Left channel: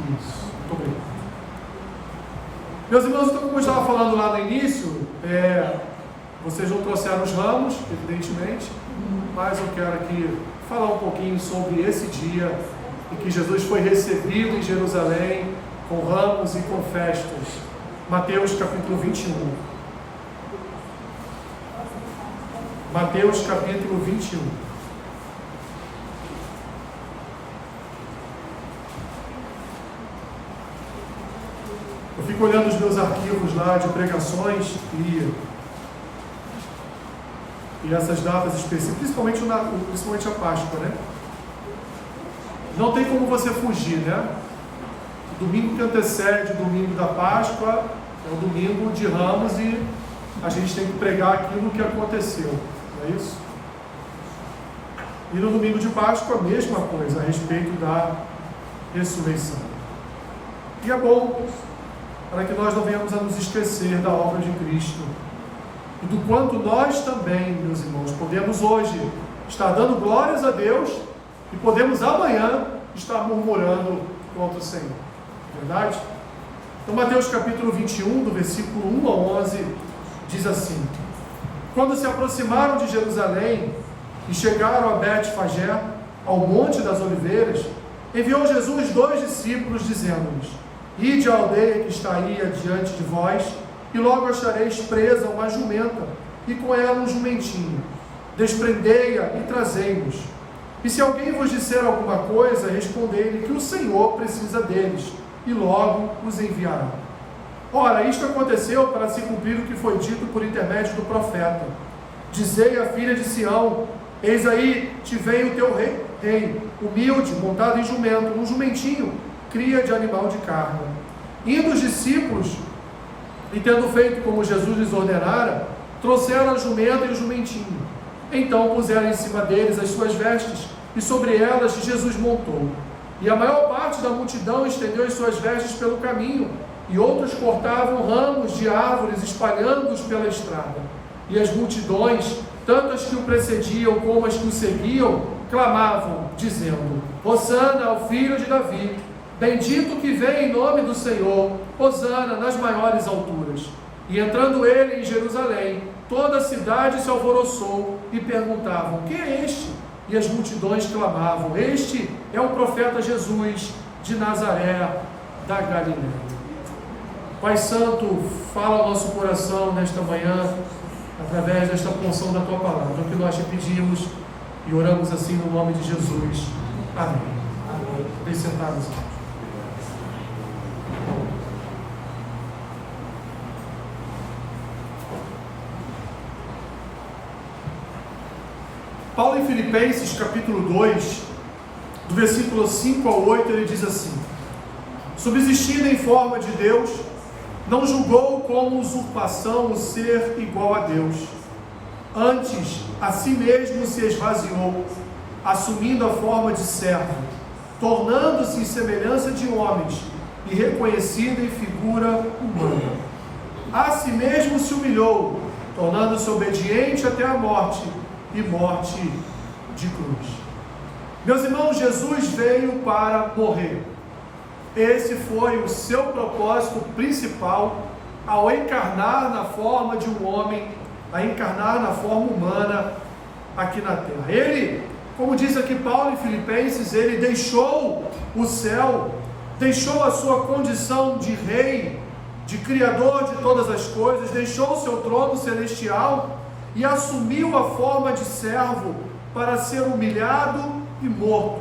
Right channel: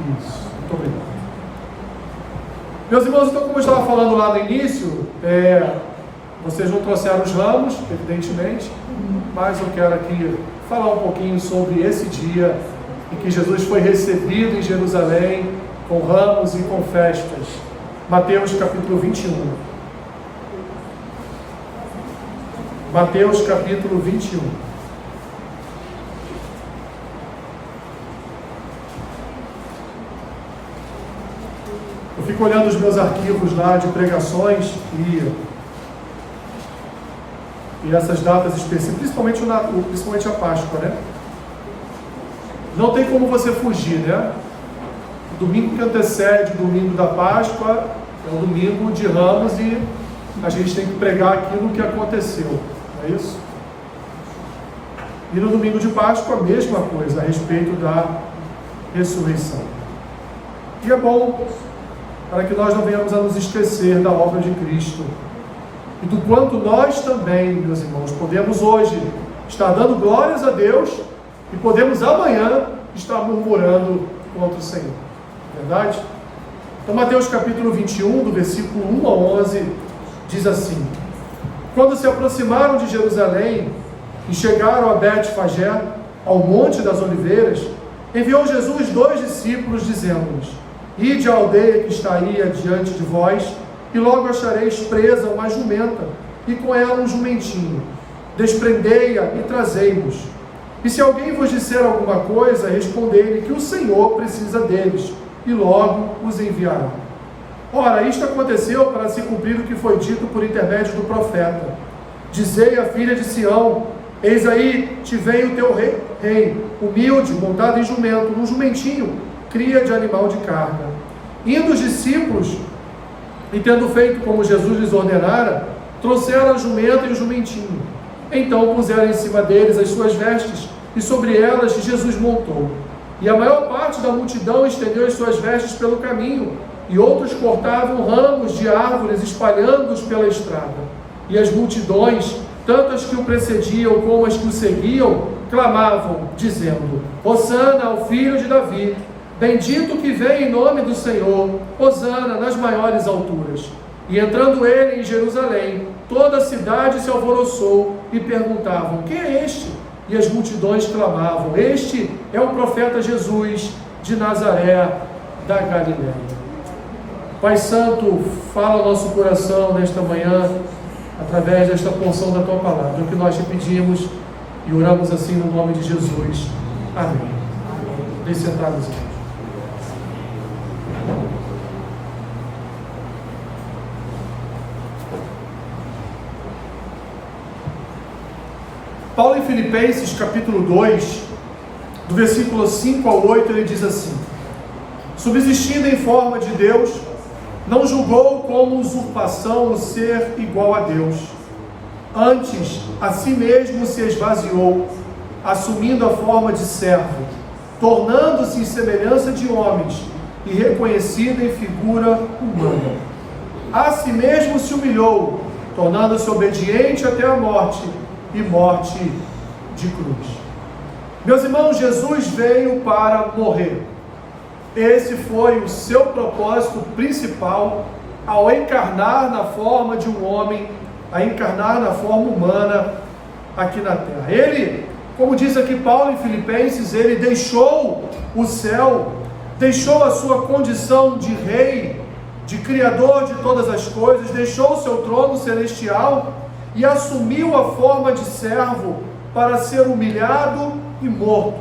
Isso, muito obrigado. Meus irmãos, então, como eu estava falando lá no início, vocês não trouxeram os ramos, evidentemente, mas eu quero aqui falar um pouquinho sobre esse dia em que Jesus foi recebido em Jerusalém com ramos e com festas. Mateus capítulo 21. Mateus capítulo 21. Eu fico olhando os meus arquivos lá de pregações e essas datas específicas, principalmente a Páscoa, né? Não tem como você fugir, né? O domingo que antecede o domingo da Páscoa é o domingo de Ramos e a gente tem que pregar aquilo que aconteceu, não é isso? E no domingo de Páscoa a mesma coisa, a respeito da ressurreição. E é bom para que nós não venhamos a nos esquecer da obra de Cristo e do quanto nós também, meus irmãos, podemos hoje estar dando glórias a Deus e podemos amanhã estar murmurando contra o Senhor. Verdade? Então Mateus capítulo 21, do versículo 1 a 11, diz assim: Quando se aproximaram de Jerusalém e chegaram a Betfagé, ao Monte das Oliveiras, enviou Jesus 2 discípulos, dizendo-lhes: Ide à aldeia que está aí adiante de vós, e logo achareis presa uma jumenta, e com ela um jumentinho. Desprendei-a e trazei-nos. E se alguém vos disser alguma coisa, respondei-lhe que o Senhor precisa deles, e logo os enviará. Ora, isto aconteceu para se cumprir o que foi dito por intermédio do profeta: Dizei à filha de Sião: Eis aí te vem o teu rei, humilde, montado em jumento, num jumentinho, cria de animal de carga. Indo os discípulos, e tendo feito como Jesus lhes ordenara, trouxeram a jumenta e o jumentinho. Então puseram em cima deles as suas vestes, e sobre elas Jesus montou. E a maior parte da multidão estendeu as suas vestes pelo caminho, e outros cortavam ramos de árvores, espalhando-os pela estrada. E as multidões, tanto as que o precediam como as que o seguiam, clamavam, dizendo: Hosana ao filho de Davi, bendito que vem em nome do Senhor, Hosana nas maiores alturas. E entrando ele em Jerusalém, toda a cidade se alvoroçou e perguntavam: quem é este? E as multidões clamavam: este é o profeta Jesus de Nazaré da Galiléia. Pai Santo, fala ao nosso coração nesta manhã, através desta porção da Tua Palavra, o que nós te pedimos e oramos assim no nome de Jesus. Amém. Deixe sentados. Paulo em Filipenses capítulo 2, do versículo 5 ao 8, ele diz assim: Subsistindo em forma de Deus, não julgou como usurpação o ser igual a Deus. Antes, a si mesmo se esvaziou, assumindo a forma de servo, tornando-se em semelhança de homens e reconhecido em figura humana. A si mesmo se humilhou, tornando-se obediente até a morte, e morte de cruz. Meus irmãos, Jesus veio para morrer. Esse foi o seu propósito principal ao encarnar na forma de um homem, a encarnar na forma humana aqui na terra. Ele, como diz aqui Paulo em Filipenses, ele deixou o céu, deixou a sua condição de rei, de criador de todas as coisas, deixou o seu trono celestial e assumiu a forma de servo para ser humilhado e morto.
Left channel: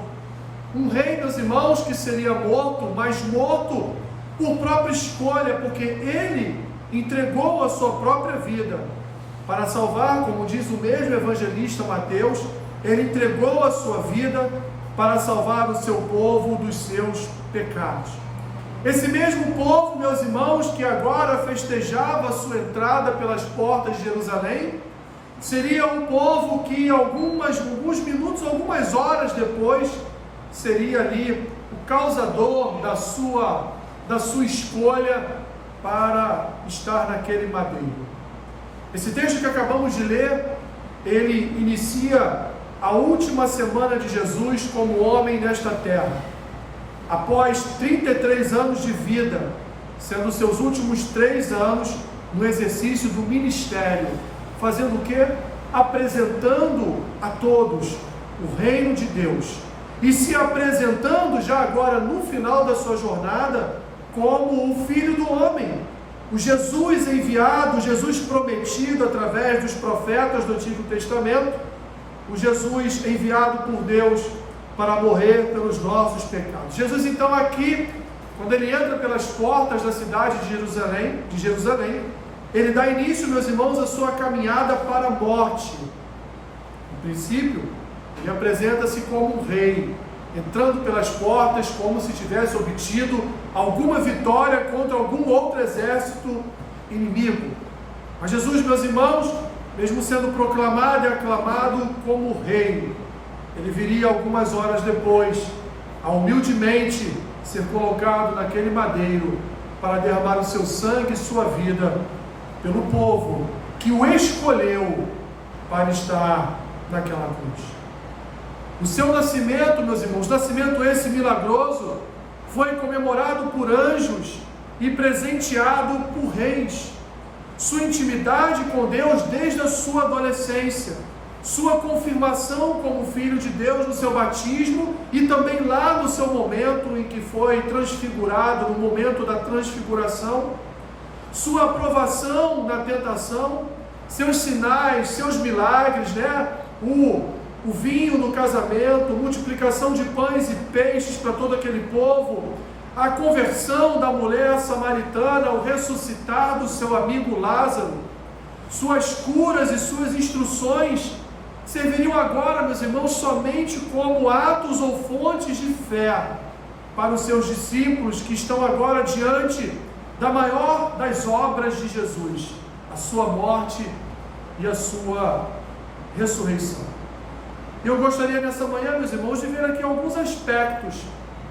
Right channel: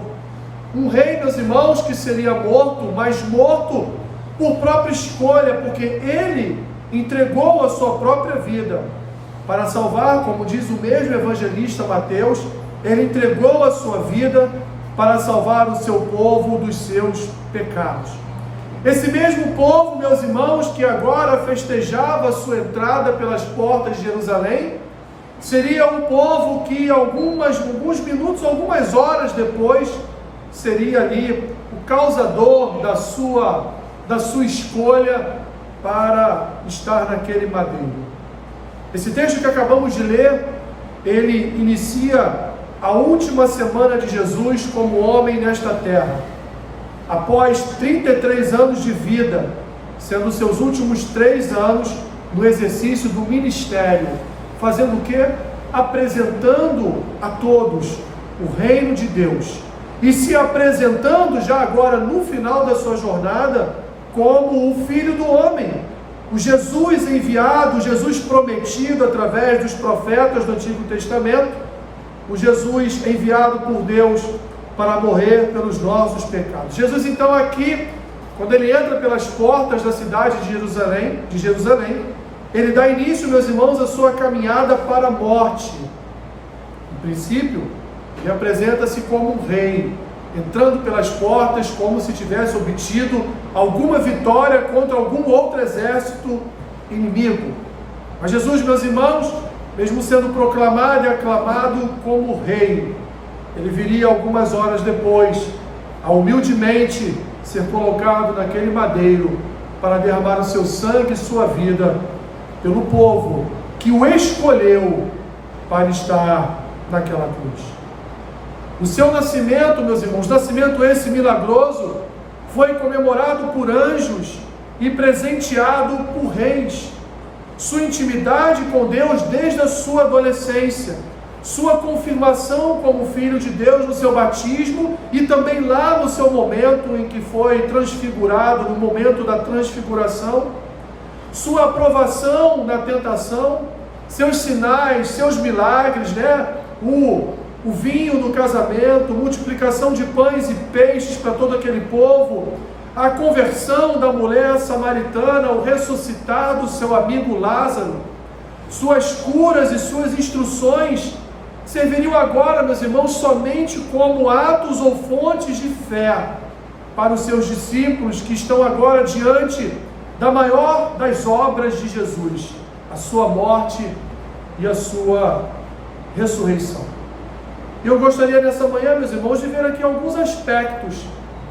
Um rei, meus irmãos, que seria morto, mas morto por própria escolha, porque ele entregou a sua própria vida para salvar, como diz o mesmo evangelista Mateus, ele entregou a sua vida para salvar o seu povo dos seus pecados. Esse mesmo povo, meus irmãos, que agora festejava a sua entrada pelas portas de Jerusalém, seria um povo que alguns minutos, algumas horas depois, seria ali o causador da sua escolha para estar naquele madeiro. Esse texto que acabamos de ler, ele inicia a última semana de Jesus como homem nesta terra. após 33 anos de vida, sendo seus últimos 3 anos no exercício do ministério, fazendo o quê? Apresentando a todos o reino de Deus, e se apresentando já agora no final da sua jornada como o Filho do Homem, o Jesus enviado, o Jesus prometido através dos profetas do Antigo Testamento, o Jesus enviado por Deus para morrer pelos nossos pecados. Jesus então aqui, quando ele entra pelas portas da cidade de Jerusalém, ele dá início, meus irmãos, à sua caminhada para a morte. No princípio, ele apresenta-se como um rei, entrando pelas portas como se tivesse obtido alguma vitória contra algum outro exército inimigo. Mas Jesus, meus irmãos, mesmo sendo proclamado e aclamado como rei, ele viria algumas horas depois a humildemente ser colocado naquele madeiro para derramar o seu sangue e sua vida pelo povo que o escolheu para estar naquela cruz. O seu nascimento, meus irmãos, nascimento esse milagroso, foi comemorado por anjos e presenteado por reis. Sua intimidade com Deus desde a sua adolescência, sua confirmação como filho de Deus no seu batismo e também lá no seu momento em que foi transfigurado, no momento da transfiguração, sua aprovação na tentação, seus sinais, seus milagres, o vinho no casamento, multiplicação de pães e peixes para todo aquele povo, a conversão da mulher samaritana, o ressuscitar do seu amigo Lázaro, suas curas e suas instruções serviriam agora, meus irmãos, somente como atos ou fontes de fé para os seus discípulos que estão agora diante da maior das obras de Jesus, a sua morte e a sua ressurreição. Eu gostaria nessa manhã, meus irmãos, de ver aqui alguns aspectos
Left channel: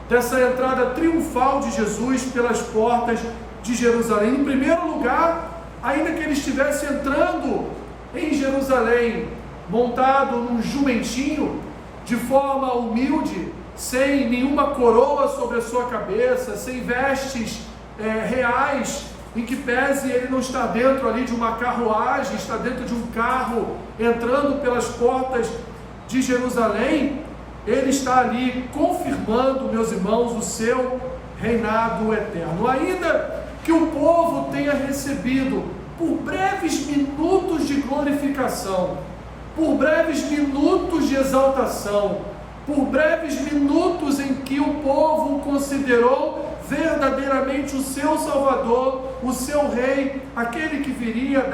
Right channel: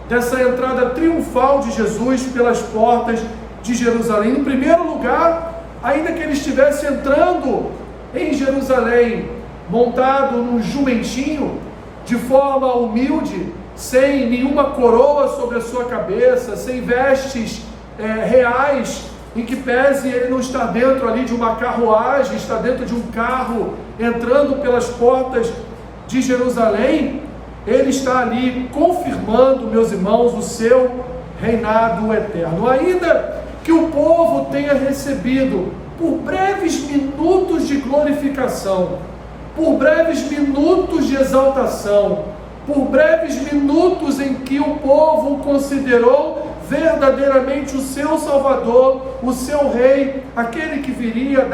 dessa entrada triunfal de Jesus pelas portas de Jerusalém. Em primeiro lugar, ainda que ele estivesse entrando em Jerusalém, montado num jumentinho, de forma humilde, sem nenhuma coroa sobre a sua cabeça, sem vestes reais, em que pese ele não está dentro ali de uma carruagem, está dentro de um carro, entrando pelas portas de Jerusalém, ele está ali confirmando, meus irmãos, o seu reinado eterno. Ainda que o povo tenha recebido por breves minutos de glorificação, por breves minutos de exaltação, por breves minutos em que o povo o considerou verdadeiramente o seu Salvador, o seu Rei, aquele que viria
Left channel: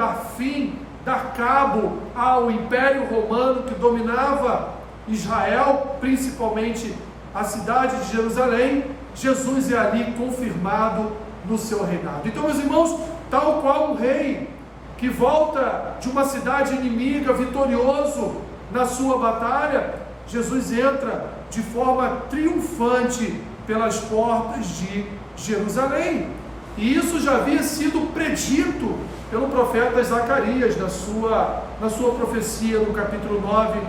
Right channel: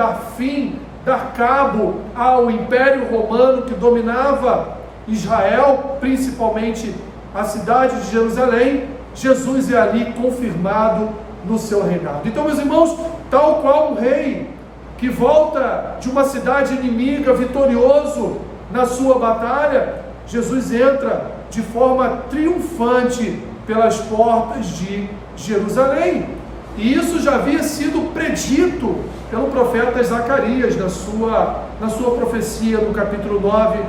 dar cabo ao Império Romano que dominava Israel, principalmente a cidade de Jerusalém, Jesus é ali confirmado no seu reinado. Então, meus irmãos, tal qual um rei que volta de uma cidade inimiga vitorioso na sua batalha, Jesus entra de forma triunfante pelas portas de Jerusalém. E isso já havia sido predito pelo profeta Zacarias na sua profecia no capítulo 9,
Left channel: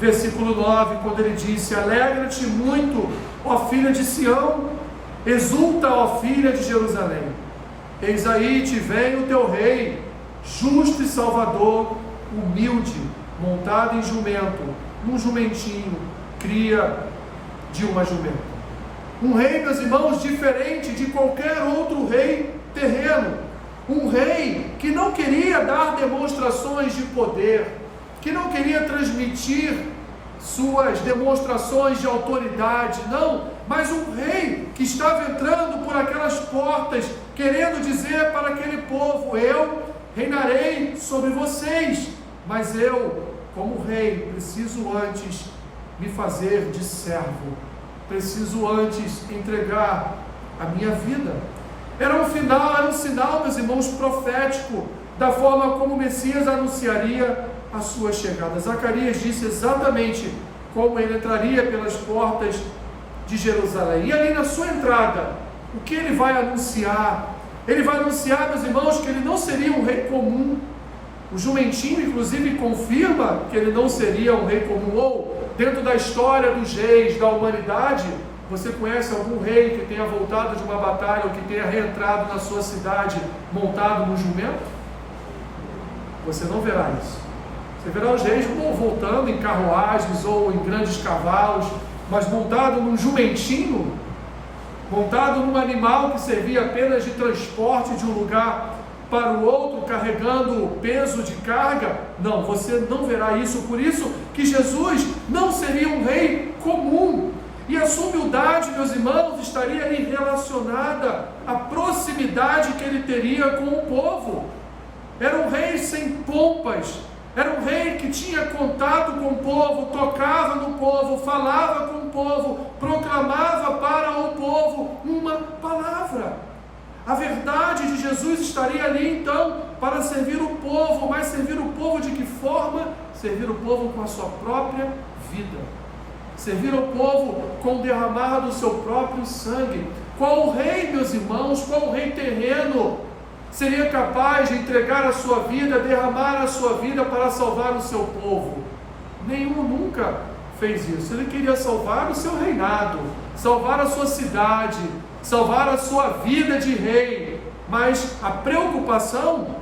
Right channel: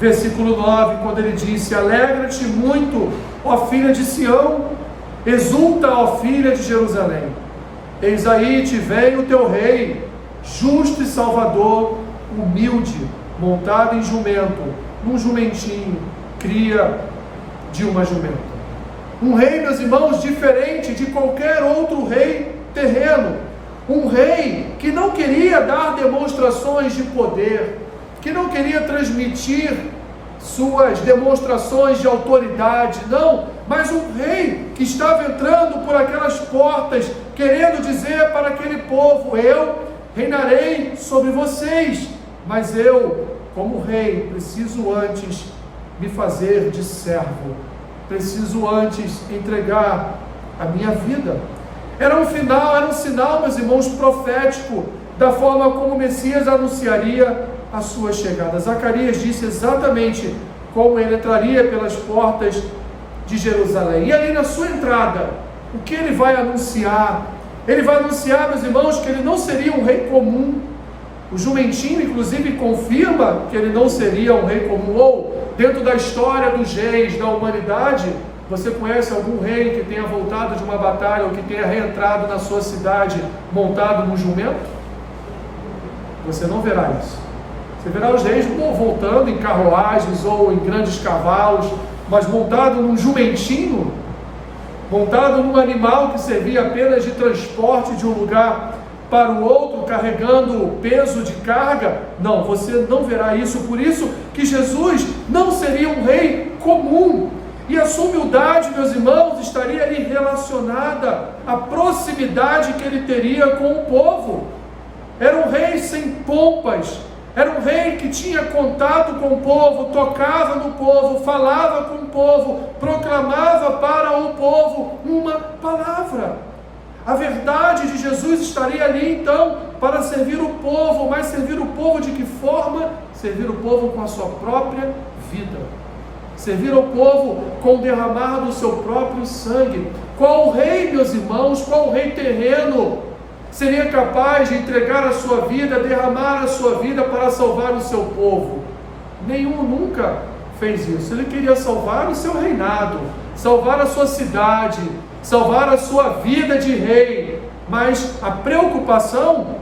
versículo 9, quando ele disse: alegra-te muito, ó filha de Sião, exulta, ó filha de Jerusalém, eis aí te vem o teu rei, justo e salvador, humilde, montado em jumento, num jumentinho, cria de uma jumenta. Um rei, meus irmãos, diferente de qualquer outro rei terreno. Um rei que não queria dar demonstrações de poder, que não queria transmitir suas demonstrações de autoridade, não, mas um rei que estava entrando por aquelas portas, querendo dizer para aquele povo: eu reinarei sobre vocês, mas eu, como rei, preciso antes me fazer de servo, preciso antes entregar a minha vida. Era um sinal, meus irmãos, profético da forma como o Messias anunciaria a sua chegada. Zacarias disse exatamente como ele entraria pelas portas de Jerusalém. E ali na sua entrada, o que ele vai anunciar? Ele vai anunciar, meus irmãos, que ele não seria um rei comum. O jumentinho, inclusive, confirma que ele não seria um rei comum, ou dentro da história dos reis da humanidade, Você conhece algum rei que tenha voltado de uma batalha ou que tenha reentrado na sua cidade montado num jumento? Você não verá isso. Você verá os reis voltando em carruagens ou em grandes cavalos, mas montado num jumentinho, montado num animal que servia apenas de transporte de um lugar para o outro, carregando peso de carga. Não, você não verá isso. Por isso que Jesus não seria um rei comum. E a sua humildade, meus irmãos, estaria ali relacionada à proximidade que ele teria com o povo. Era um rei sem pompas. Era um rei que tinha contato com o povo, tocava no povo, falava com o povo, proclamava para o povo uma palavra. A verdade de Jesus estaria ali então para servir o povo, mas servir o povo de que forma? Servir o povo com a sua própria vida. Servir ao povo com o derramar do seu próprio sangue. Qual rei, meus irmãos, qual rei terreno seria capaz de entregar a sua vida, derramar a sua vida para salvar o seu povo? Nenhum nunca fez isso. Ele queria salvar o seu reinado, salvar a sua cidade, salvar a sua vida de rei. Mas a preocupação,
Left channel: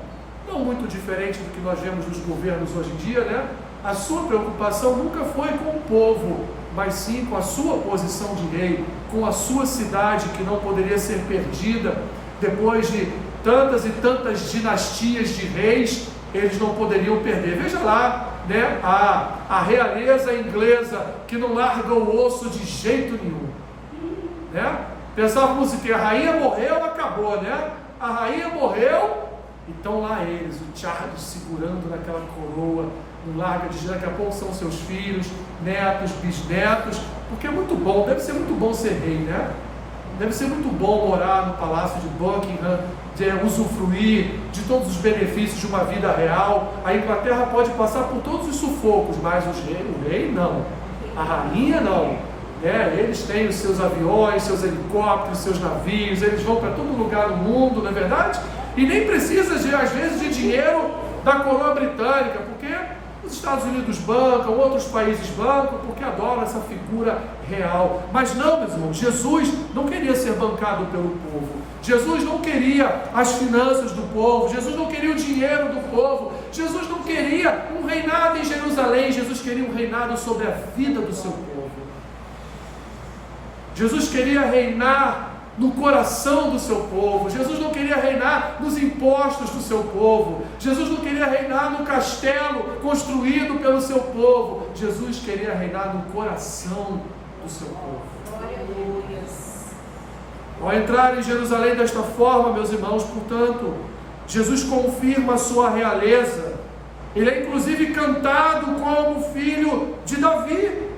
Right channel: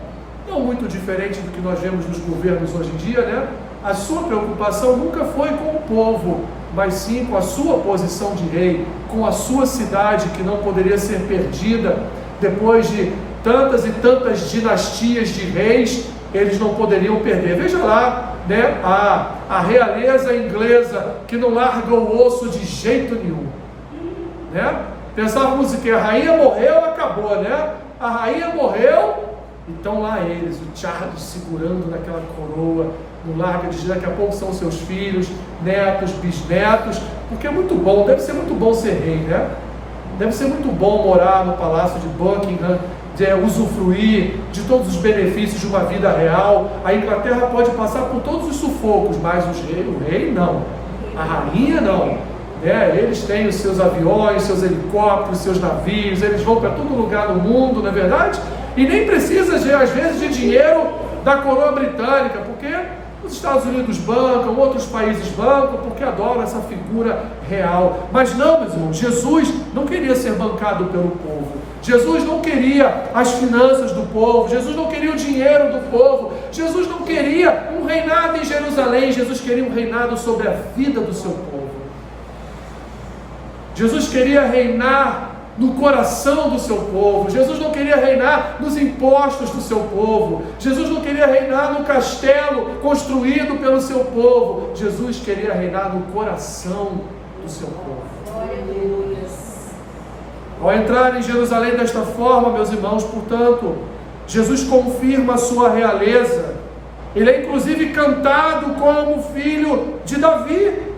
não muito diferente do que nós vemos nos governos hoje em dia, né? A sua preocupação nunca foi com o povo, mas sim com a sua posição de rei, com a sua cidade que não poderia ser perdida. Depois de tantas e tantas dinastias de reis, eles não poderiam perder. Veja lá, né, a realeza inglesa que não larga o osso de jeito nenhum, né? Pensávamos que a rainha morreu, acabou, né? A rainha morreu, então lá eles, o Charles segurando naquela coroa, não larga de jeito. Daqui a pouco são seus filhos, netos, bisnetos, porque é muito bom, deve ser muito bom ser rei, né? Deve ser muito bom morar no palácio de Buckingham, usufruir de todos os benefícios de uma vida real. A Inglaterra pode passar por todos os sufocos, mas o rei não, a rainha não, né? Eles têm os seus aviões, seus helicópteros, seus navios, eles vão para todo lugar no mundo, não é verdade? E nem precisa, às vezes, de dinheiro da coroa britânica, porque os Estados Unidos bancam, outros países bancam, porque adoram essa figura real. Mas não, meus irmãos, Jesus não queria ser bancado pelo povo. Jesus não queria as finanças do povo. Jesus não queria o dinheiro do povo. Jesus não queria um reinado em Jerusalém. Jesus queria um reinado sobre a vida do seu povo. Jesus queria reinar no coração do seu povo. Jesus não queria reinar nos impostos do seu povo. Jesus não queria reinar no castelo construído pelo seu povo. Jesus queria reinar no coração do seu povo. Ao entrar em Jerusalém desta forma, meus irmãos, portanto, Jesus confirma a sua realeza. Ele é inclusive cantado como filho de Davi.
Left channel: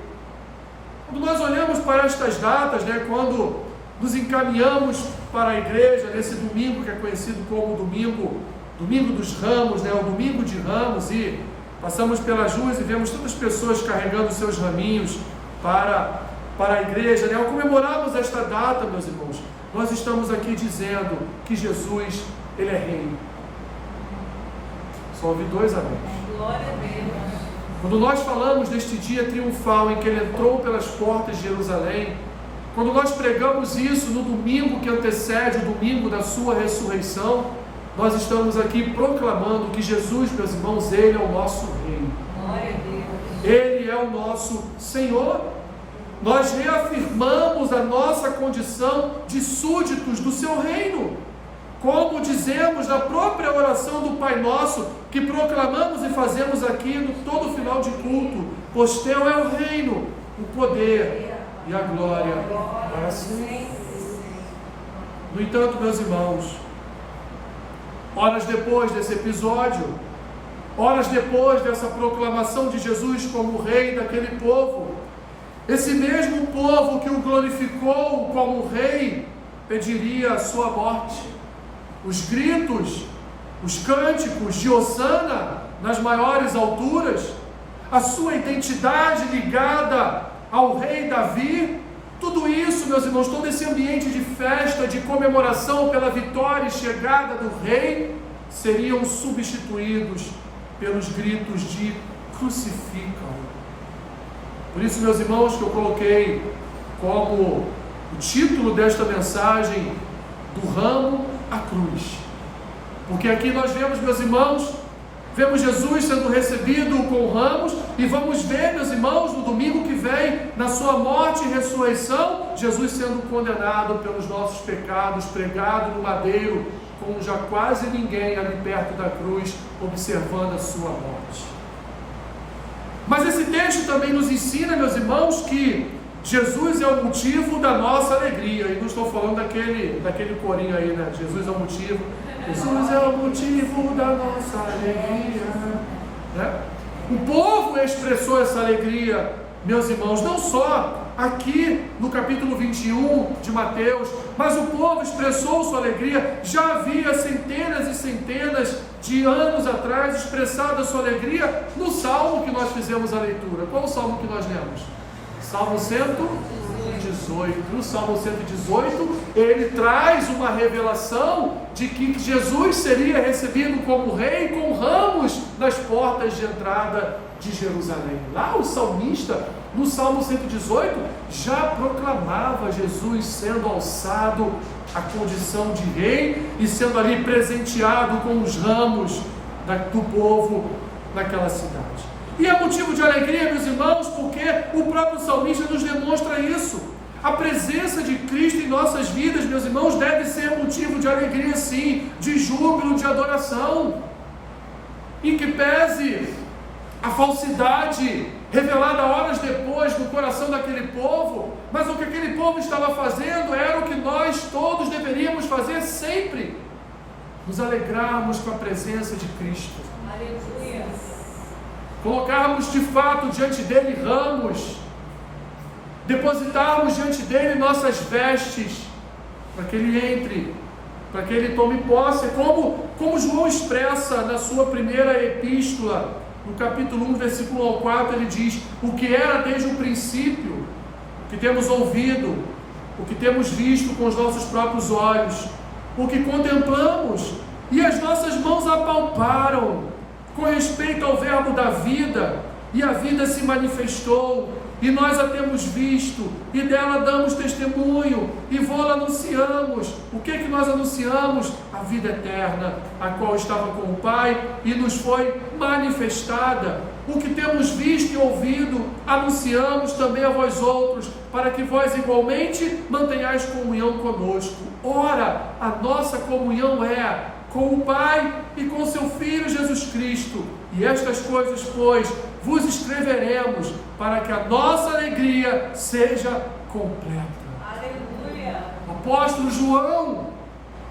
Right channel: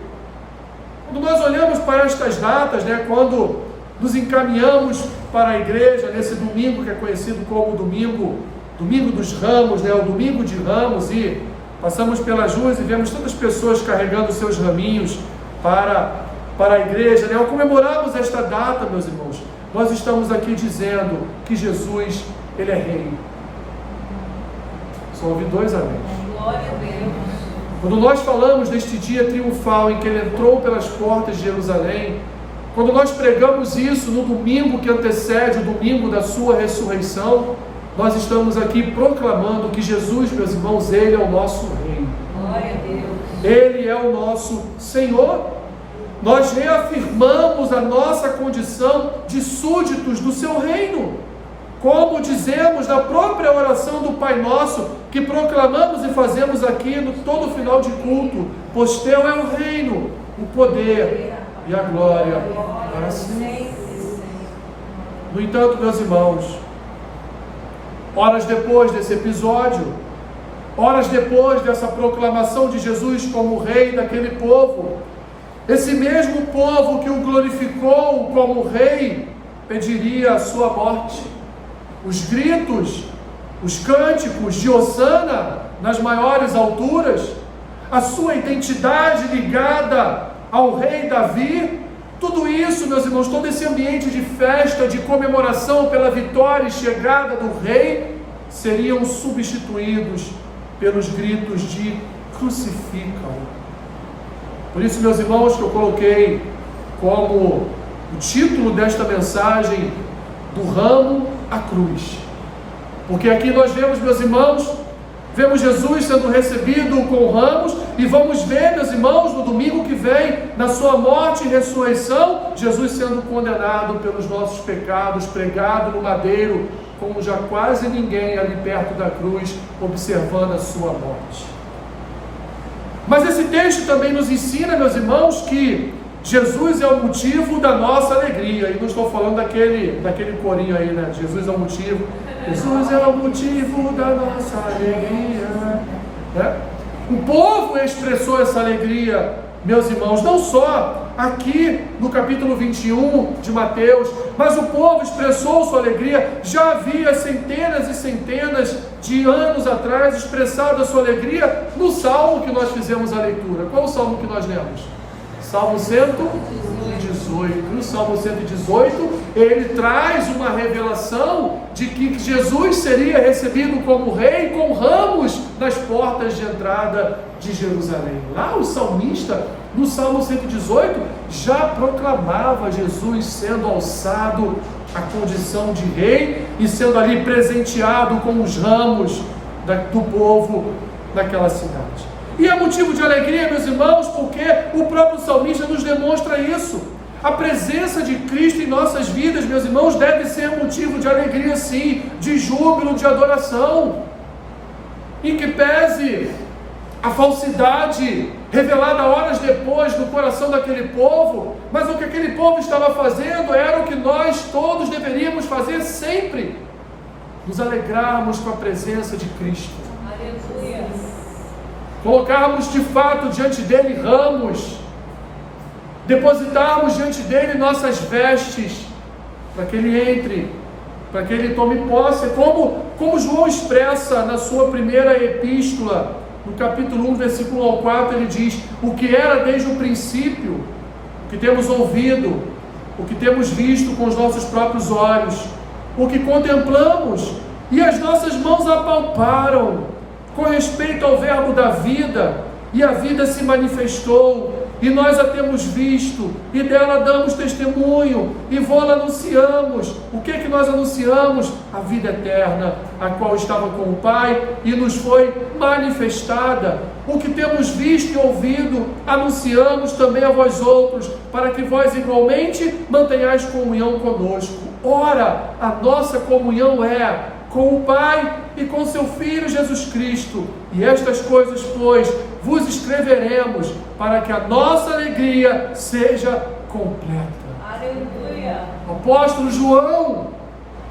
Quando nós olhamos para estas datas, né, quando nos encaminhamos para a igreja nesse domingo que é conhecido como domingo dos Ramos, né, o domingo de Ramos, e passamos pelas ruas e vemos tantas pessoas carregando seus raminhos para a igreja, né? Ao comemorarmos esta data, meus irmãos, nós estamos aqui dizendo que Jesus, ele é rei. Só ouvi dois amém. Glória a Deus. Quando nós falamos deste dia triunfal em que ele entrou pelas portas de Jerusalém, quando nós pregamos isso no domingo que antecede o domingo da sua ressurreição, nós estamos aqui proclamando que Jesus, meus irmãos, ele é o nosso rei. Glória a Deus. Ele é o nosso Senhor. Nós reafirmamos a nossa condição de súditos do seu reino, como dizemos na própria oração do Pai Nosso, que proclamamos e fazemos aqui no todo final de culto: pois teu é o reino, o poder e a glória para sempre. No entanto, meus irmãos, horas depois desse episódio, horas depois dessa proclamação de Jesus como rei daquele povo, esse mesmo povo que o glorificou como rei pediria a sua morte. Os gritos, os cânticos de Hosana nas maiores alturas, a sua identidade ligada ao rei Davi, tudo isso, meus irmãos, todo esse ambiente de festa, de comemoração pela vitória e chegada do rei, seriam substituídos pelos gritos de crucificam. Por isso, meus irmãos, que eu coloquei como o título desta mensagem, do ramo à cruz. Porque aqui nós vemos, meus irmãos, vemos Jesus sendo recebido com ramos, e vamos ver, meus irmãos, no domingo que vem, na sua morte e ressurreição, Jesus sendo condenado pelos nossos pecados, pregado no madeiro, com já quase ninguém ali perto da cruz, observando a sua morte. Mas esse texto também nos ensina, meus irmãos, que Jesus é o motivo da nossa alegria. E não estou falando daquele corinho aí, né? Jesus é o motivo. Jesus é o motivo da nossa alegria, né? O povo expressou essa alegria, meus irmãos, não só aqui no capítulo 21 de Mateus, mas o povo expressou sua alegria. Já havia centenas e centenas de anos atrás expressado a sua alegria no salmo que nós fizemos a leitura. Qual o salmo que nós lemos? Salmo 118. No Salmo 118, ele traz uma revelação de que Jesus seria recebido como rei com ramos nas portas de entrada de Jerusalém. Lá o salmista, no Salmo 118, já proclamava Jesus sendo alçado à condição de rei e sendo ali presenteado com os ramos do povo daquela cidade. E é motivo de alegria, meus irmãos, porque o próprio salmista nos demonstra isso. A presença de Cristo em nossas vidas, meus irmãos, deve ser motivo de alegria, sim, de júbilo, de adoração. Em que pese a falsidade revelada horas depois no coração daquele povo, mas o que aquele povo estava fazendo era o que nós todos deveríamos fazer sempre: nos alegrarmos com a presença de Cristo. Aleluia. Colocarmos de fato diante dele ramos, depositarmos diante dele nossas vestes, para que ele entre, para que ele tome posse, como João expressa na sua primeira epístola, no capítulo 1, versículo 1 ao 4, ele diz: o que era desde o princípio, o que temos ouvido, o que temos visto com os nossos próprios olhos, o que contemplamos e as nossas mãos apalparam, com respeito ao verbo da vida, e a vida se manifestou, e nós a temos visto, e dela damos testemunho, e vô-la anunciamos. O que nós anunciamos? A vida eterna, a qual estava com o Pai, e nos foi manifestada. O que temos visto e ouvido, anunciamos também a vós outros, para que vós igualmente mantenhais comunhão conosco. Ora, a nossa comunhão é com o Pai e com seu Filho Jesus Cristo. E estas coisas, pois, vos escreveremos, para que a nossa alegria seja completa. Aleluia. O apóstolo João,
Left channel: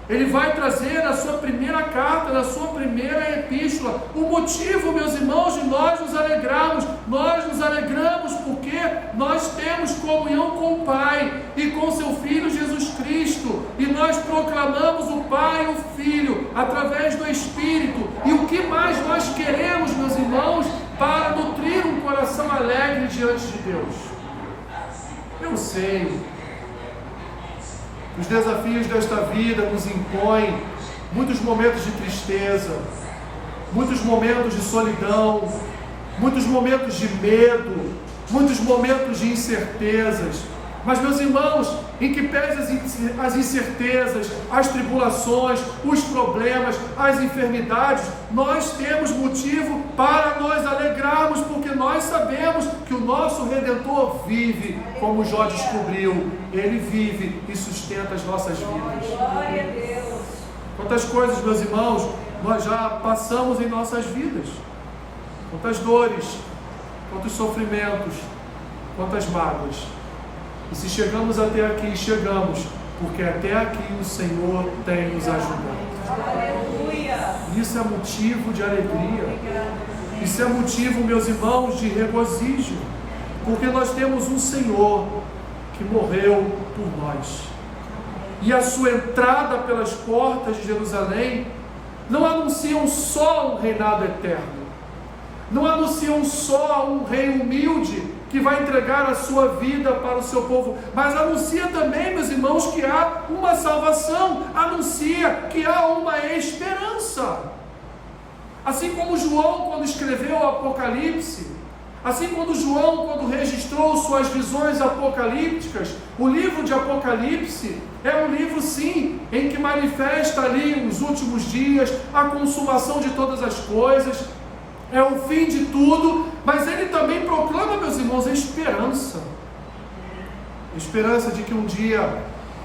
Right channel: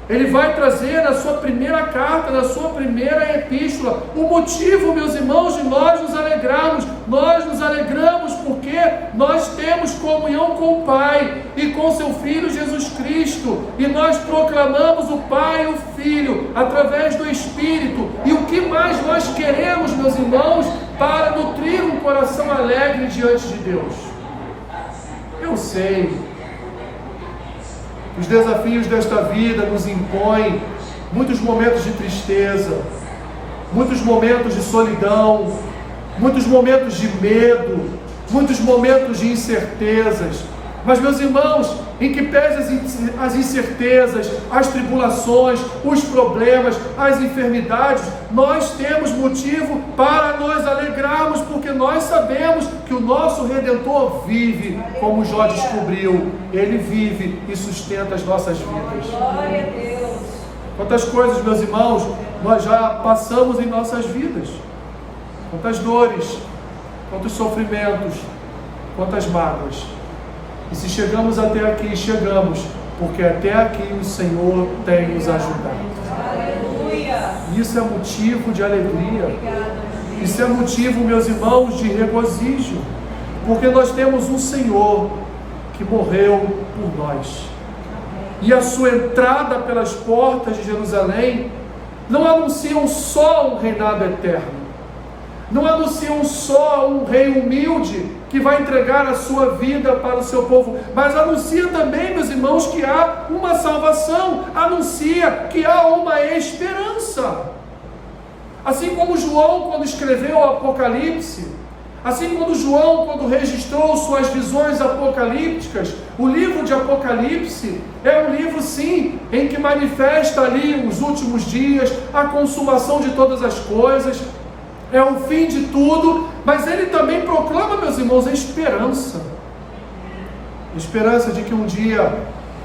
ele vai trazer na sua primeira carta, na sua primeira epístola, o motivo, meus irmãos, de nós nos alegrarmos. Nós nos alegramos porque nós temos comunhão com o Pai e com seu Filho Jesus Cristo, e nós proclamamos o Pai e o Filho através do Espírito. E o que mais nós queremos, meus irmãos, para nutrir um coração alegre diante de Deus? Eu sei, os desafios desta vida nos impõem muitos momentos de tristeza, muitos momentos de solidão, muitos momentos de medo, muitos momentos de incertezas. Mas, meus irmãos, em que pese as incertezas, as tribulações, os problemas, as enfermidades, nós temos motivo para nos alegrarmos, porque nós sabemos que o nosso Redentor vive, como Jó descobriu. Ele vive e sustenta as nossas vidas. Glória a Deus. Quantas coisas, meus irmãos, nós já passamos em nossas vidas. Quantas dores, quantos sofrimentos, quantas mágoas. E se chegamos até aqui, chegamos, porque até aqui o Senhor tem nos ajudado. Aleluia. Isso é motivo de alegria. Isso é motivo, meus irmãos, de regozijo. Porque nós temos um Senhor que morreu por nós. E a sua entrada pelas portas de Jerusalém não anunciam só um reinado eterno. Não anunciam só um rei humilde que vai entregar a sua vida para o seu povo, mas anuncia também, meus irmãos, que há uma salvação, anuncia que há uma esperança. Assim como João, quando escreveu o Apocalipse, Assim, quando registrou suas visões apocalípticas, o livro de Apocalipse é um livro, sim, em que manifesta ali os últimos dias, a consumação de todas as coisas, é o fim de tudo, mas ele também proclama, meus irmãos, a esperança. Esperança de que um dia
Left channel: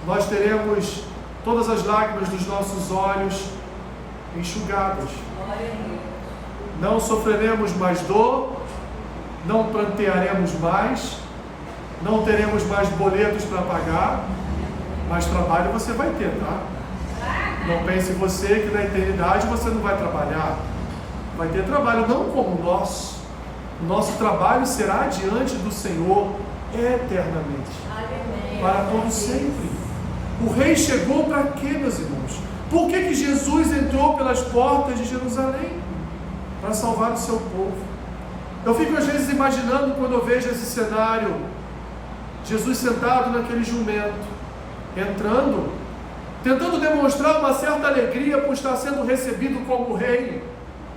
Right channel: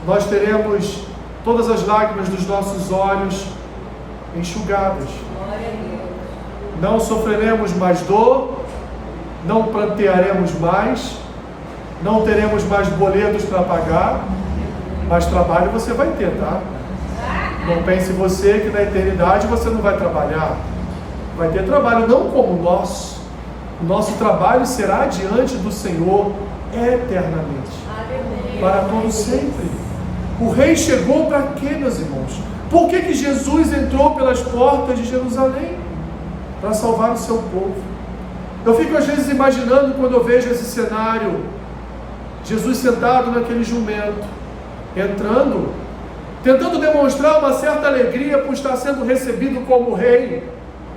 nós teremos todas as lágrimas dos nossos olhos enxugadas. Não sofreremos mais dor, não prantearemos mais, não teremos mais boletos para pagar, mas trabalho você vai ter, tá? Não pense você que na eternidade você não vai trabalhar. Vai ter trabalho não como o nosso. O nosso trabalho será diante do Senhor eternamente, para todo sempre. O rei chegou para quê, meus irmãos? Por que Jesus entrou pelas portas de Jerusalém? Para salvar o seu povo. Eu fico às vezes imaginando, quando eu vejo esse cenário, Jesus sentado naquele jumento, entrando, tentando demonstrar uma certa alegria por estar sendo recebido como rei,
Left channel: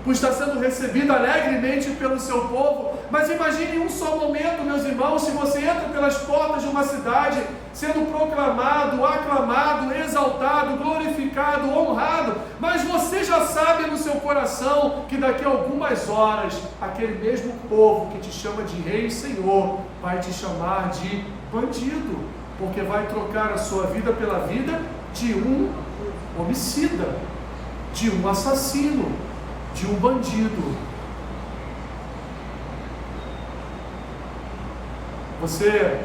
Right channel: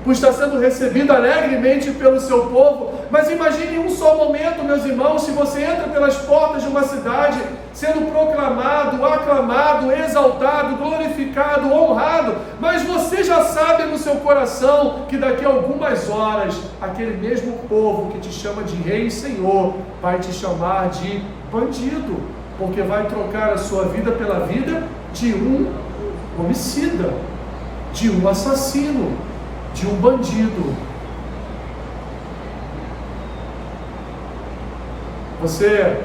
por estar sendo recebido alegremente pelo seu povo. Mas imagine um só momento, meus irmãos, se você entra pelas portas de uma cidade, sendo proclamado, aclamado, exaltado, glorificado, honrado, mas você já sabe no seu coração que daqui a algumas horas, aquele mesmo povo que te chama de rei e senhor, vai te chamar de bandido, porque vai trocar a sua vida pela vida de um homicida, de um assassino, de um bandido. Você,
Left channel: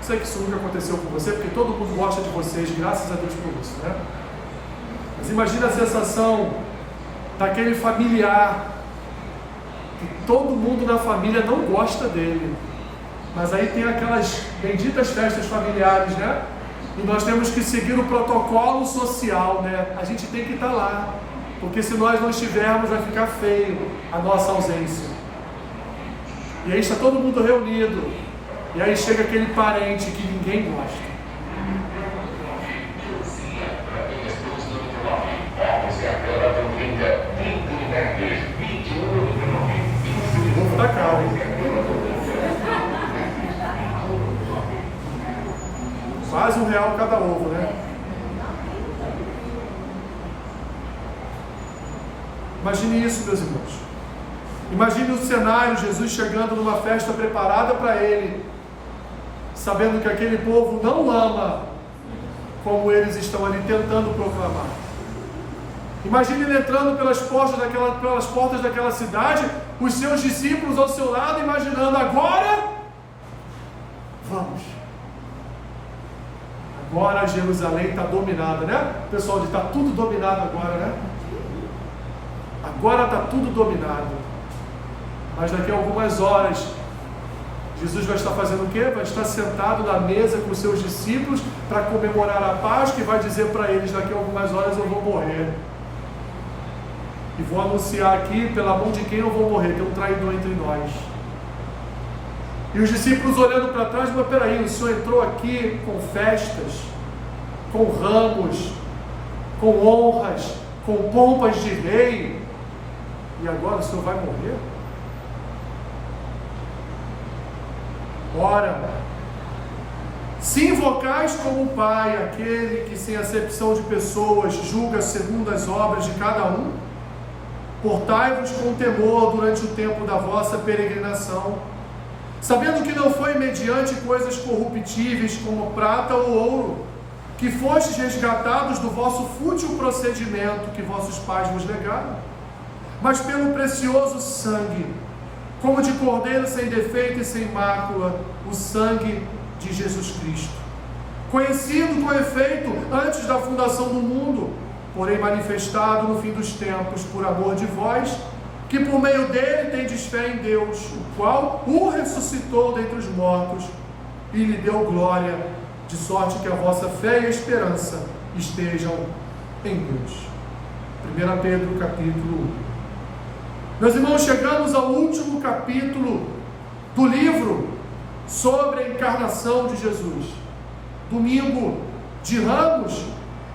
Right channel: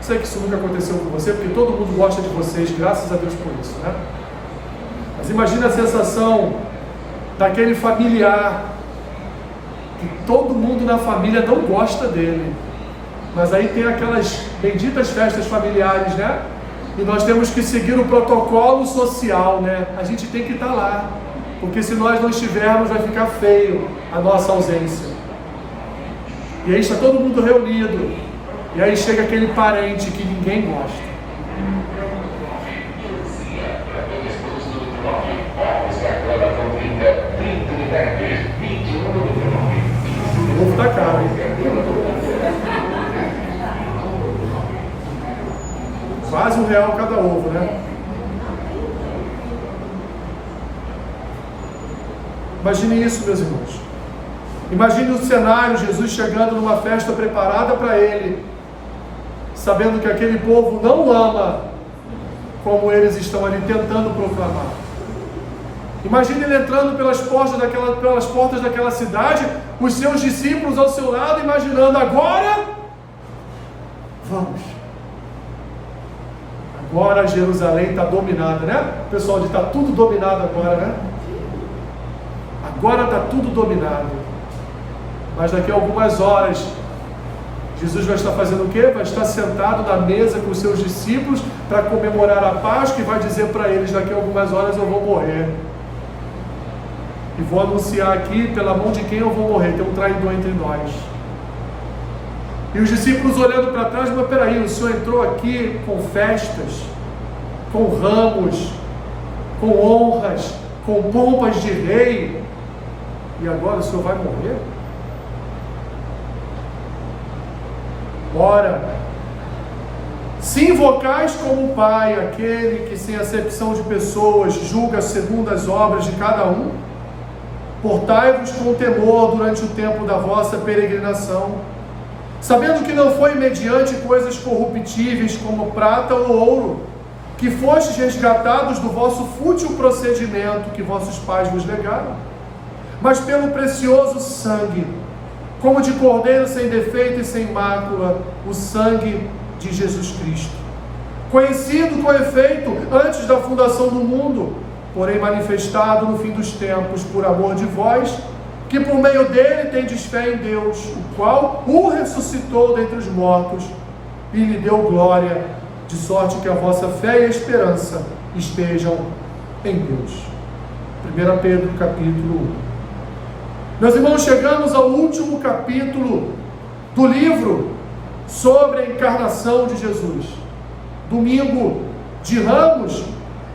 sei que isso nunca aconteceu com você, porque todo mundo gosta de vocês, graças a Deus por isso, né? Mas imagina a sensação daquele familiar, que todo mundo na família não gosta dele, mas aí tem aquelas benditas festas familiares, né? E nós temos que seguir o protocolo social, né? A gente tem que estar lá, porque se nós não estivermos, vai ficar feio a nossa ausência. E aí está todo mundo reunido, e aí chega aquele parente que ninguém gosta. O ovo tá caro, hein? Quase R$1 cada ovo, né? Imagine isso, meus irmãos. Imagine o cenário, Jesus chegando numa festa preparada para ele, sabendo que aquele povo não ama como eles estão ali tentando proclamar. Imagine ele entrando pelas portas daquela cidade, os seus discípulos ao seu lado, imaginando: agora vamos. Agora Jerusalém está dominada, né? O pessoal diz: está tudo dominado agora, né? Agora está tudo dominado. Mas daqui a algumas horas, Jesus vai estar fazendo o quê? Vai estar sentado na mesa com os seus discípulos para comemorar a Páscoa e vai dizer para eles: daqui a algumas horas eu vou morrer. E vou anunciar aqui pela mão de quem eu vou morrer. Tem um traidor entre nós. E os discípulos olhando para trás: mas peraí, o Senhor entrou aqui com festas, com ramos, com honras, com pompas de rei, e agora o Senhor vai morrer? Ora, se invocais como Pai aquele que sem acepção de pessoas julga segundo as obras de cada um, portai-vos com temor durante o tempo da vossa peregrinação, sabendo que não foi mediante coisas corruptíveis como prata ou ouro, que fostes resgatados do vosso fútil procedimento que vossos pais vos legaram, mas pelo precioso sangue, como de cordeiro sem defeito e sem mácula, o sangue de Jesus Cristo, conhecido com efeito antes da fundação do mundo, porém manifestado no fim dos tempos por amor de vós, que por meio dele tendes fé em Deus, o qual o ressuscitou dentre os mortos e lhe deu glória, de sorte que a vossa fé e a esperança estejam em Deus. 1 Pedro capítulo 1. Meus irmãos, chegamos ao último capítulo do livro sobre a encarnação de Jesus. Domingo de Ramos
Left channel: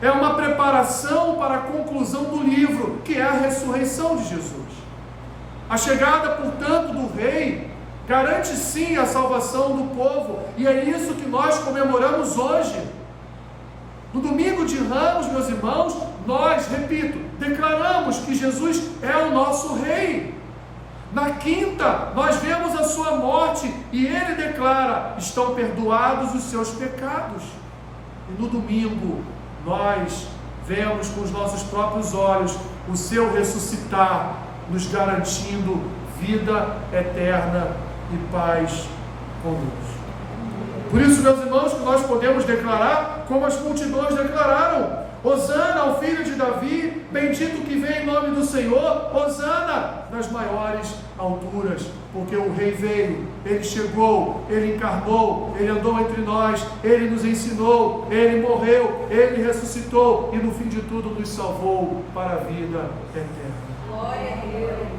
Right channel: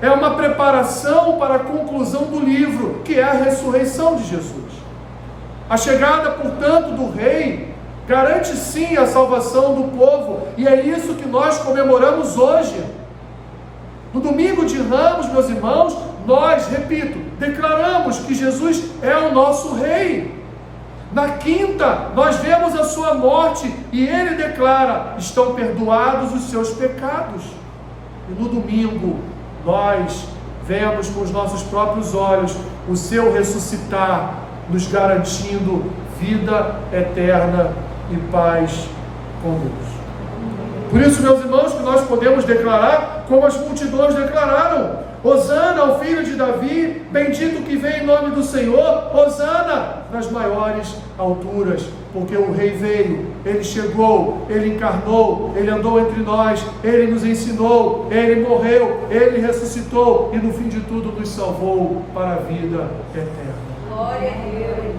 é uma preparação para a conclusão do livro, que é a ressurreição de Jesus. A chegada, portanto, do rei garante sim a salvação do povo, e é isso que nós comemoramos hoje. No domingo de Ramos, meus irmãos, nós, repito, declaramos que Jesus é o nosso Rei. Na quinta, nós vemos a sua morte e ele declara: estão perdoados os seus pecados. E no domingo, nós vemos com os nossos próprios olhos o seu ressuscitar, nos garantindo vida eterna e paz com Deus. Por isso, meus irmãos, que nós podemos declarar como as multidões declararam: Hosana ao filho de Davi, bendito que vem em nome do Senhor, Hosana nas maiores alturas, porque o Rei veio, Ele chegou, Ele encarnou, Ele andou entre nós, Ele nos ensinou, Ele morreu, Ele ressuscitou e no fim de tudo nos salvou para a vida eterna. Glória a Deus.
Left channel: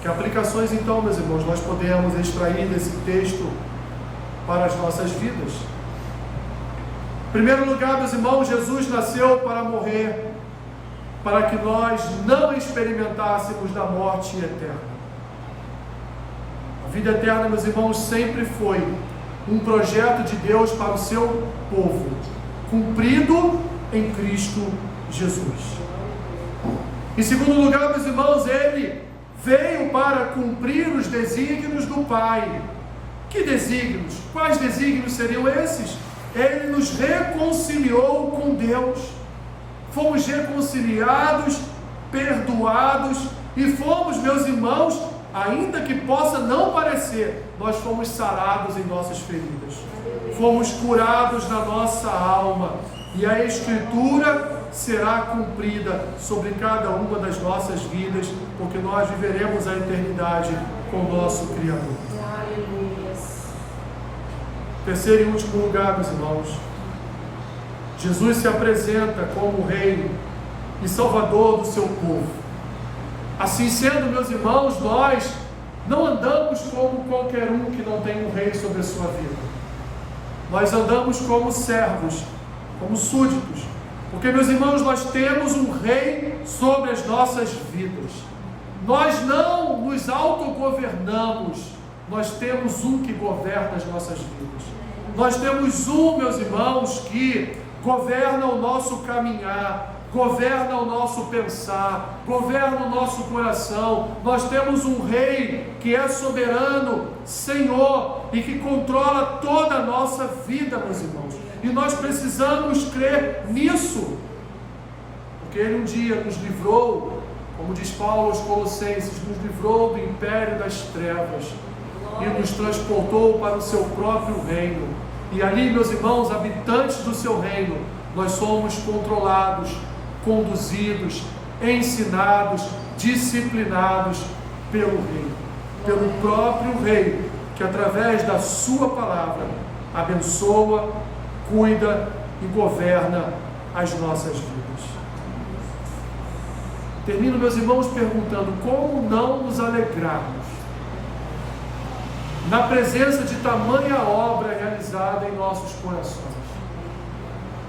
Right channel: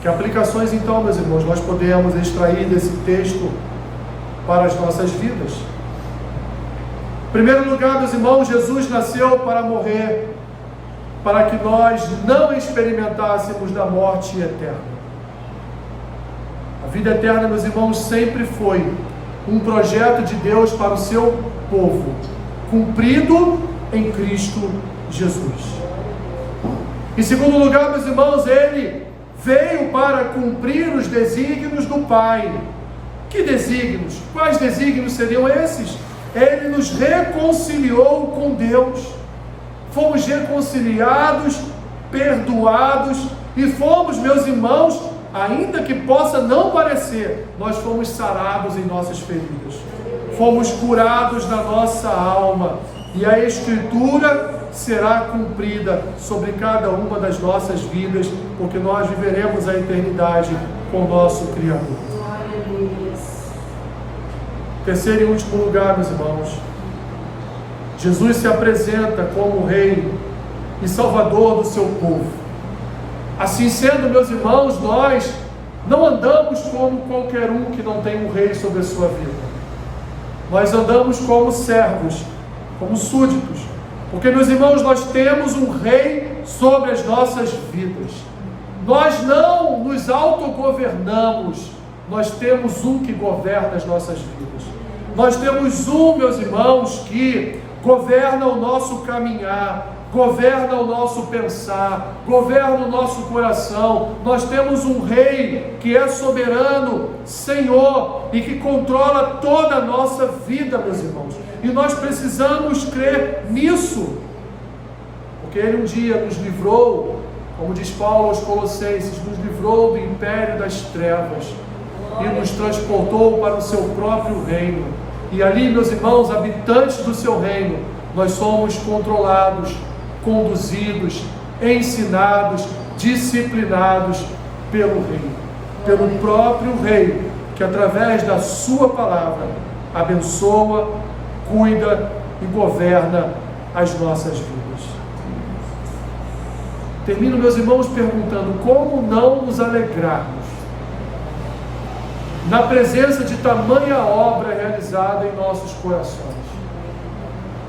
Que aplicações então, meus irmãos, nós podemos extrair desse texto para as nossas vidas? Em primeiro lugar, meus irmãos, Jesus nasceu para morrer, para que nós não experimentássemos da morte eterna. A vida eterna, meus irmãos, sempre foi um projeto de Deus para o seu povo, cumprido em Cristo Jesus. Em segundo lugar, meus irmãos, Ele veio para cumprir os desígnios do Pai. Que desígnios? Quais desígnios seriam esses? Ele nos reconciliou com Deus. Fomos reconciliados, perdoados e fomos, meus irmãos, ainda que possa não parecer, nós fomos sarados em nossas feridas. Fomos curados na nossa alma. E a Escritura será cumprida sobre cada uma das nossas vidas, porque nós viveremos a eternidade com o nosso Criador. Terceiro e último lugar, meus irmãos, Jesus se apresenta como Rei e Salvador do seu povo. Assim sendo, meus irmãos, nós não andamos como qualquer um que não tem um Rei sobre a sua vida. Nós andamos como servos, como súditos, porque, meus irmãos, nós temos um Rei sobre as nossas vidas. Nós não nos autogovernamos, nós temos um que governa as nossas vidas. Nós temos um, meus irmãos, que governa o nosso caminhar, governa o nosso pensar, governa o nosso coração. Nós temos um Rei que é soberano, Senhor, e que controla toda a nossa vida, meus irmãos. E nós precisamos crer nisso, porque Ele um dia nos livrou, como diz Paulo aos Colossenses, nos livrou do império das trevas e nos transportou para o seu próprio reino. E ali, meus irmãos, habitantes do seu reino, nós somos controlados, conduzidos, ensinados, disciplinados pelo Rei, pelo próprio Rei, que através da sua palavra abençoa, cuida e governa as nossas vidas. Termino, meus irmãos, perguntando: como não nos alegrarmos na presença de tamanha obra realizada em nossos corações?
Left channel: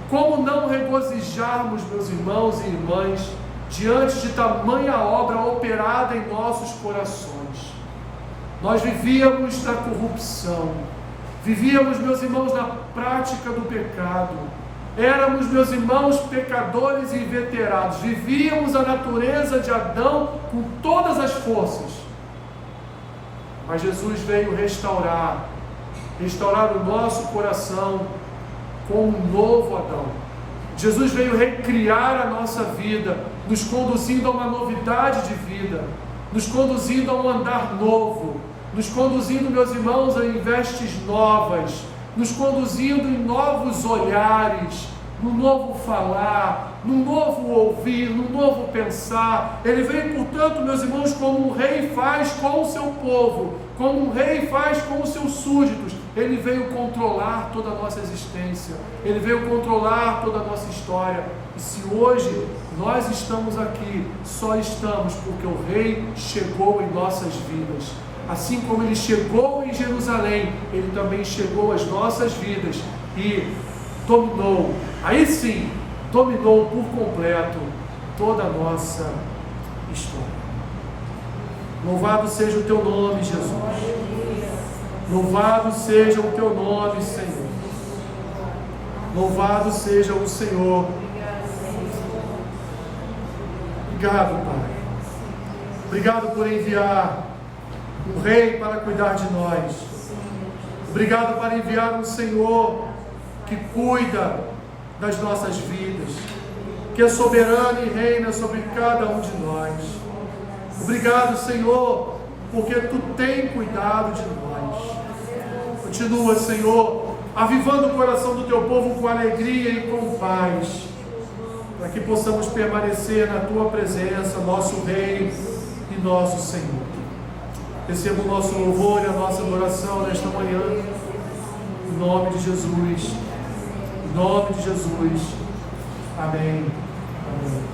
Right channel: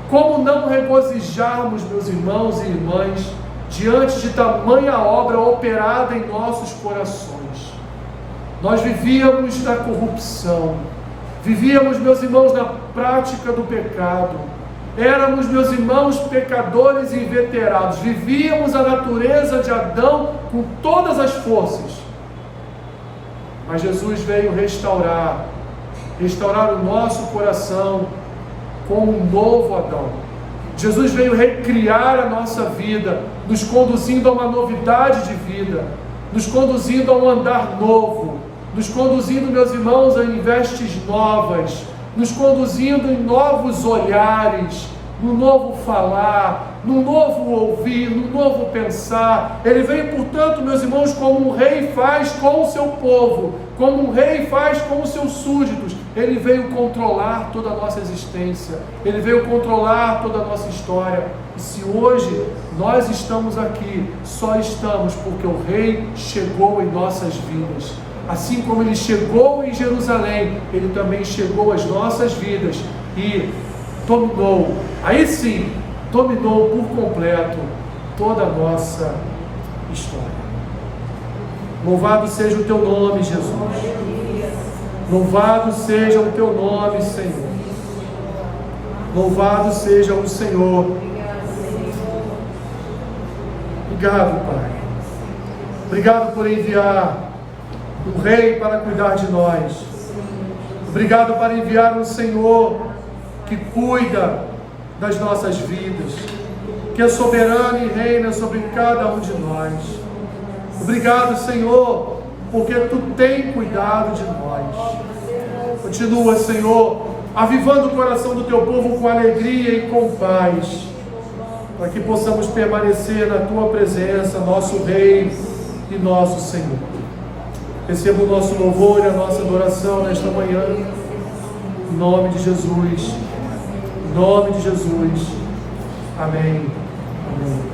Como não regozijarmos, meus irmãos e irmãs, diante de tamanha obra operada em nossos corações? Nós vivíamos na corrupção, vivíamos, meus irmãos, na prática do pecado, éramos, meus irmãos, pecadores inveterados, vivíamos a natureza de Adão com todas as forças. Mas Jesus veio restaurar o nosso coração como um novo Adão. Jesus veio recriar a nossa vida, nos conduzindo a uma novidade de vida, nos conduzindo a um andar novo, nos conduzindo, meus irmãos, em vestes novas, nos conduzindo em novos olhares, no novo falar, no novo ouvir, no novo pensar. Ele veio, portanto, meus irmãos, como um Rei faz com o seu povo, como um Rei faz com os seus súditos. Ele veio controlar toda a nossa existência, Ele veio controlar toda a nossa história. E se hoje nós estamos aqui, só estamos porque o Rei chegou em nossas vidas. Assim como Ele chegou em Jerusalém, Ele também chegou às nossas vidas e dominou, aí sim, dominou por completo toda a nossa história. Louvado seja o teu nome, Jesus. Louvado seja o teu nome, Senhor. Louvado seja o Senhor. Obrigado, Pai. Obrigado por enviar um rei para cuidar de nós. Obrigado por enviar um Senhor que cuida das nossas vidas, que é soberano e reina sobre cada um de nós. Obrigado, Senhor, porque Tu tem cuidado de nós. Continua, Senhor, avivando o coração do Teu povo com alegria e com paz, para que possamos permanecer na Tua presença, nosso Rei e nosso Senhor. Receba o nosso louvor e a nossa adoração nesta manhã, em nome de Jesus, em nome de Jesus. Amém. Amém.